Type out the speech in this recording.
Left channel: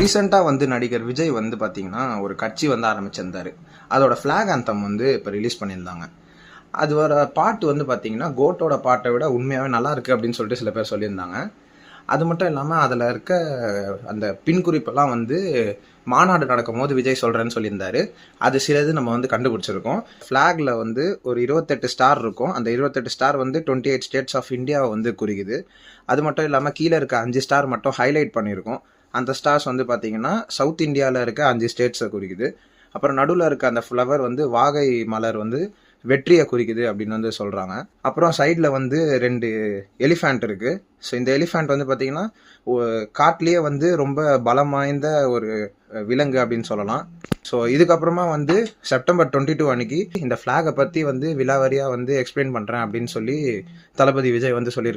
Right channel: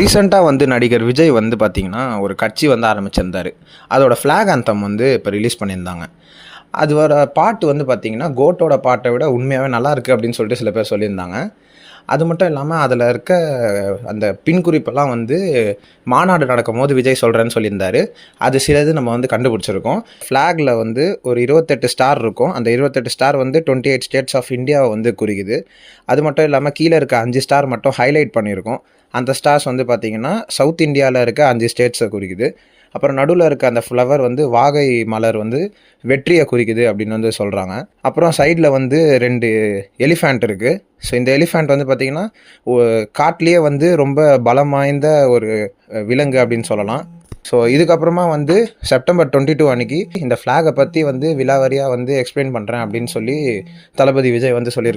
ரீசெண்டாக வந்து நடிகர் விஜய் வந்து பார்த்திங்கன்னா ஒரு கட்சி வந்து ஆரம்பிச்சிருந்தார். அதோட ஃப்ளாக் ஆந்தம் வந்து இப்போ ரிலீஸ் பண்ணியிருந்தாங்க. அதோட பாட்டு வந்து பார்த்திங்கன்னா கோட்டோட பாட்டை விட உண்மையாகவே நல்லாயிருக்கு அப்படின்னு சொல்லிட்டு சில பேர் சொல்லியிருந்தாங்க. அது மட்டும் இல்லாமல் அதில் இருக்க அந்த பின்குறிப்பெல்லாம் வந்து மாநாடு நடக்கும்போது விஜய் சொல்கிறேன்னு சொல்லியிருந்தார். அது சிலது நம்ம வந்து கண்டுபிடிச்சிருக்கோம். ஃப்ளாகில் வந்து ஒரு 28 ஸ்டார் இருக்கும். அந்த 28 ஸ்டார் வந்து 28 ஸ்டேட்ஸ் ஆஃப் இந்தியாவை வந்து குறிக்குது. அது மட்டும் இல்லாமல் கீழே இருக்க 5 ஸ்டார் மட்டும் ஹைலைட் பண்ணியிருக்கோம். அந்த ஸ்டார்ஸ் வந்து பார்த்திங்கன்னா சவுத் இந்தியாவில் இருக்க 5 ஸ்டேட்ஸை குறிக்குது. அப்புறம் நடுவில் இருக்க அந்த ஃப்ளவர் வந்து வாகை மலர் வந்து வெற்றியை குறிக்குது அப்படின்னு வந்து சொல்கிறாங்க. அப்புறம் சைடில் வந்து 2 எலிஃபேண்ட் இருக்குது. ஸோ இந்த எலிஃபேண்ட் வந்து பார்த்திங்கன்னா காட்டிலேயே வந்து ரொம்ப பலம் வாய்ந்த ஒரு விலங்கு அப்படின்னு சொல்லலாம். ஸோ இதுக்கப்புறமா வந்து செப்டம்பர் 22 அன்னைக்கு இந்த ஃப்ளாகை பற்றி வந்து விலாவாரியாக வந்து எக்ஸ்பிளைன் பண்ணுறேன் அப்படின்னு சொல்லி தளபதி விஜய் வந்து சொல்லியிருக்காரு.